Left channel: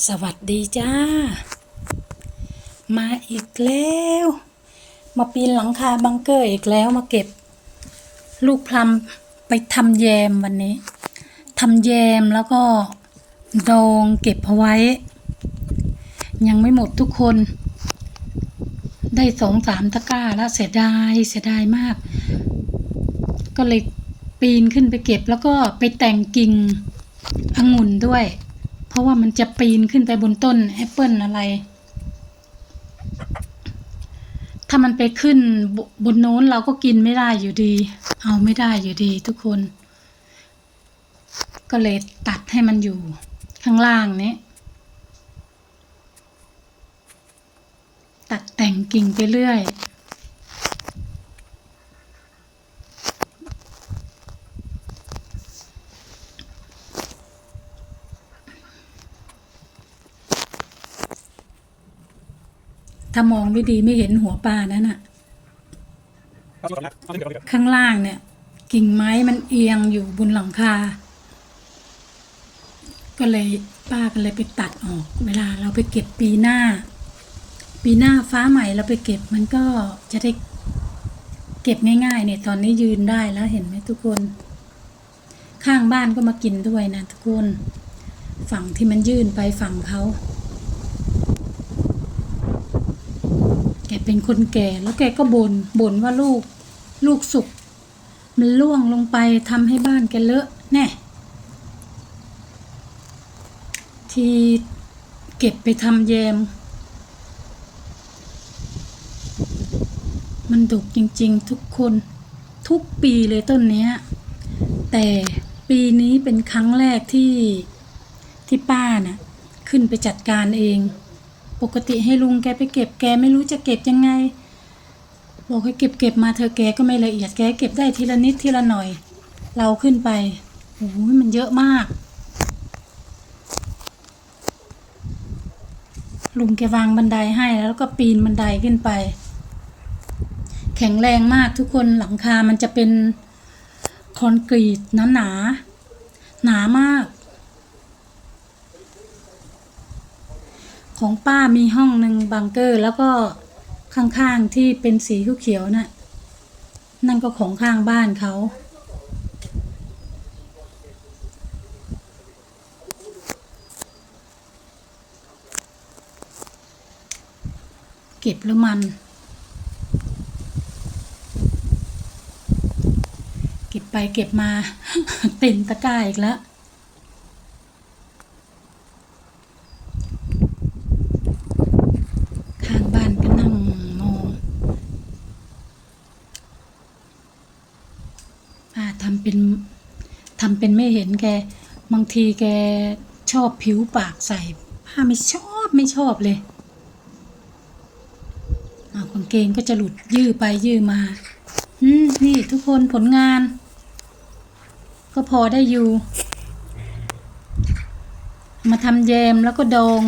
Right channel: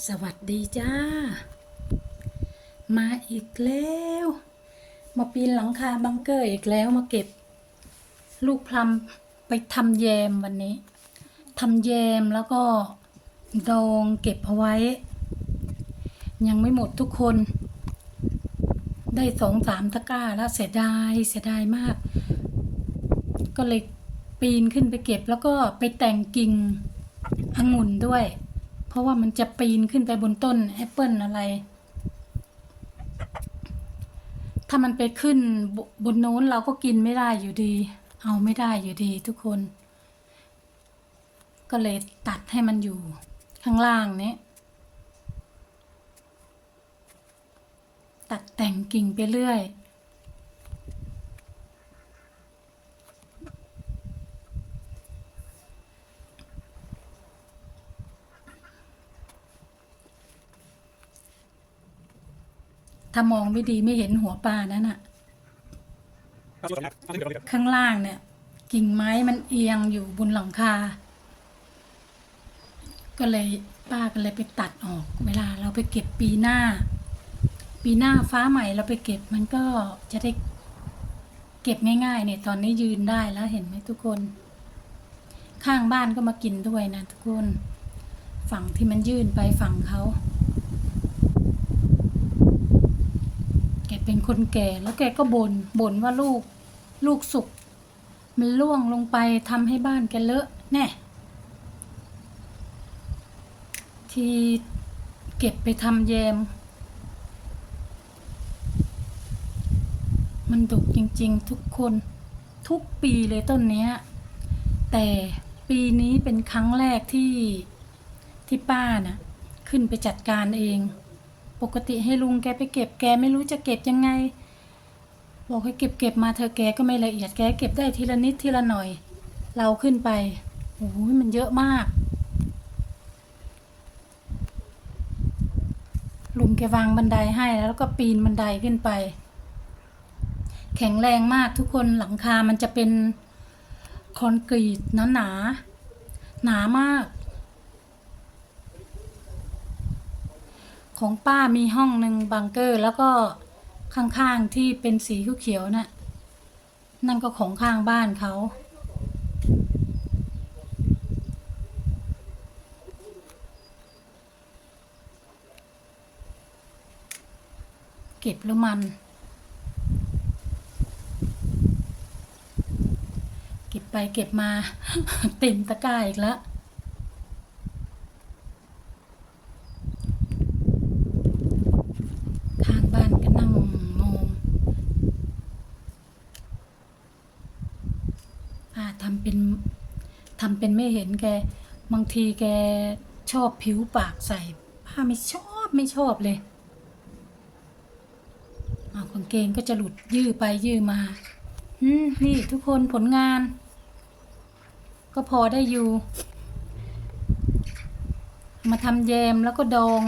สวัสดีจ้า มาอีกแล้ว มาปีนหลังคาบังเกอร์อีกแล้วมาเก็บ ลูกพลัมไปทำแยมวันนี้ทำแยมแล้วก็ดองเก็บเอาไว้ ยังไม่หมดทุกคน ได้สองสามตะกร้าแล้วเสียดายเสียดายมาก ก็เลยปีนขึ้นไปเก็บแล้วก็ไปแต่งกิ่งองุ่นด้วย เพราะว่ามันจะปีนขึ้นไปบนต้นแอปเปิลอะไร ถ้ามันไปขึ้นบบนโน้นเราก็กินไม่ได้อยู่ดี เอาไม่ได้อยู่ดีทุกคน ก็เลยตัดให้มันอยู่ข้างล่างนี้ตัดแต่งกิ่งไปเรื่อย ถ้ามองไม่ดีไม่เห็นหัวปลานั่นน่ะ ข้างล่างเนี่ย กิ่งไม้มันเอียงอยู่บนหลังคา ก็เลยป้าก็เลยไปตัดออก เวลาเราไปเก็บปีหน้า ปีหน้าฟ้าใหม่เราไปเก็บมันก็จะได้เก็บง่ายๆเนี่ยตอนนี้ยืนได้แล้วเห็นไหมทุกคน ข้างบ้านก็มากินด้วยนะทุกคน ฝั่งที่มันยื่นไปฝั่งเขา กเป็นคนแก่แล้วแกก็บน่นบ่นว่าลูก ลูกสุกมันล่วงลงไปทำให้บ้านแกเลอะแน่ที่เก็บไปทำแยม มันดุกจริง ๆ ทุกคนทุกปีเลยต้นเนี้ย แต่ปีนี้เป็นครั้งแรกที่ที่ป้าน่ะขึ้นไปจัดการเอง ปกติให้ลุงแกไปเก็บแกไม่รู้จะเก็บยังไง บอกให้เก็บเก็บมาเธอแกก็ไม่ละเอียดแกเก็บได้ทีละนิดทีละหน่อย เราขึ้นไปโอ้ยมันเยอะมาก ลุงแกวางบันไดให้แล้วก็ปีนบันไดขึ้นไป แข็งแรงมากทุกคนหลังคามันจะเป็นคอนกรีตหนาหนาหนามาก ของป้ามีห้องหนึ่งบังเกอร์ แล้วก็ข้างๆที่เป็นสีเขียวๆน่ะนั่นก็ของข้างบ้านเขา เก็บแล้วมัน เก็บไปเก็บมา เต็มตะกร้าอีกแล้ว ข้างบ้านก็นั่งมองป้าทำ เป็นทำเป็นไม่เห็นแก บางทีแกชอบผิวปากใส่ป้าไม่ชอบไม่ชอบเลยเอากางเกงก็จะหลุดยื้อไปยื้อมาอืมนี่ทุกคนผลงาน ก็พอได้อยู่ มาทำแยมแล้วก็ดอง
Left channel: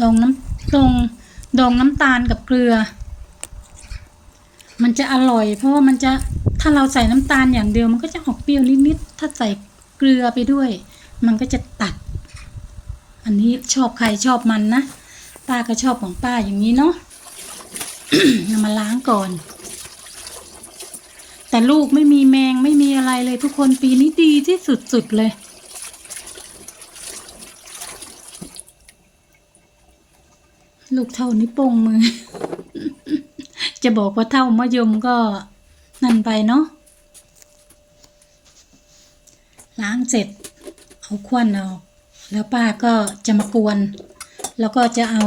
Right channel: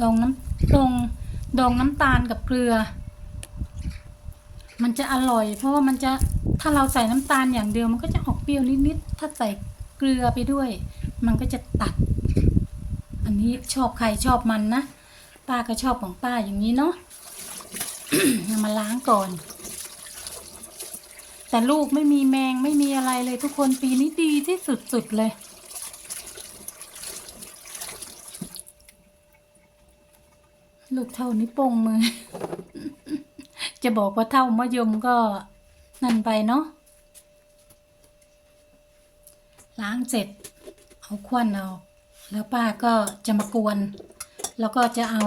ดองน้ำดองดองน้ำตาลกับเกลือ มันจะอร่อยเพราะว่ามันจะ ถ้าเราใส่น้ำตาลอย่างเดียวมันก็จะออกเปรี้ยวนิดๆ ถ้าใส่เกลือไปด้วย มันก็จะตัด อันนี้ชอบใครชอบมันนะ ป้าก็ชอบของป้าอย่างนี้เนาะามาล้างก่อน แต่ลูกไม่มีแมงไม่มีอะไรเลยทุกคนปีนี้ดีที่สุดๆเลยลูกเท่านิ้วโป้งมือ จะบอกว่าเท่ามะยมก็ นั่นไปเนาะล้างเสร็จเอาควนเอาแล้วป้าก็จะมากวน แล้วก็จะเอา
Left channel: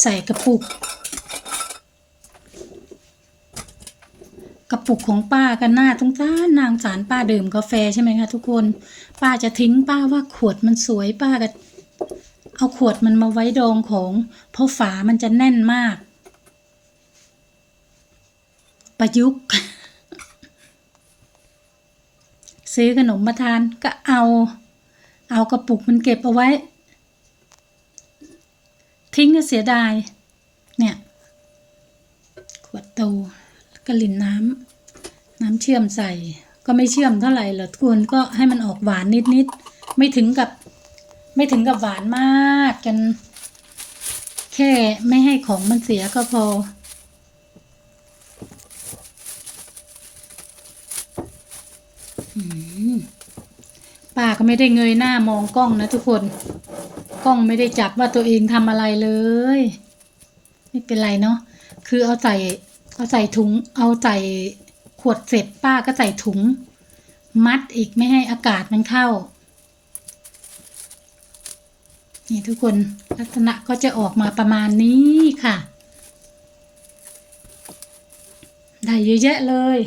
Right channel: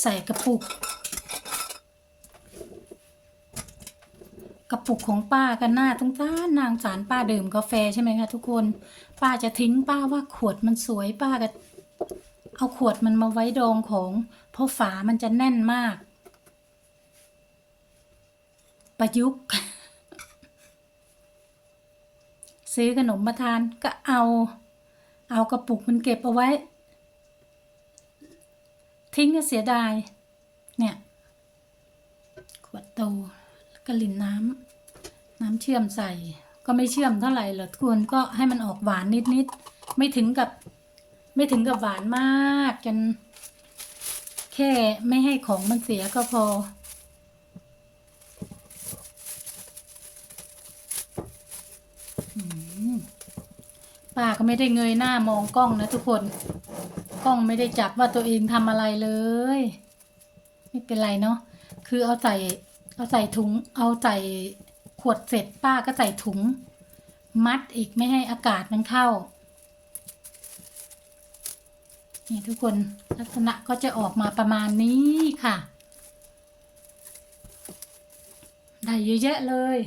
ใส่กระปุก กระปุกของป้ากันหน้าตรงจ้านนางสารป้าดื่มกาแฟใช่ไหมคะทุกคน ป้าจะทิ้งป้าว่าขวดมันสวยป้าก็เอาขวดมันมาไว้ดองของ เพราะฝามันจะแน่นมาก ประยุกต์ ซื้อขนมมาทานก็เอา เอากระปุกมันเก็บเอาไว้ ทิ้งก็เสียดาย เนี่ย ขวดโตแล้วก็ลินน้ำน้ำเชื่อมใส่ ก็ไม่เชื่อมเท่าไหร่หรอกทุกคนก็ให้มันออกหวานนิดๆไม่ถึงกับ ไม่ถึงกับหวานมากกันแค่ไม่ให้ของมันเสียก็พอม ป้าไม่ได้เงยหน้ามองกล้องนะทุกคน กล้องไม่ได้จับว่าตัวเองทำอะไรเลย ไม่เป็นไรเนาะคือเอาใส่เอาใส่ถุง เอาใส่ขวดเสร็จป้าก็ใส่ถุง มัดอีกไม่ให้อากาศมันเข้า นี่ทุกคนลักษณะก็จะออกมาประมาณนี้ค่ะ ได้เยอะแยะเลย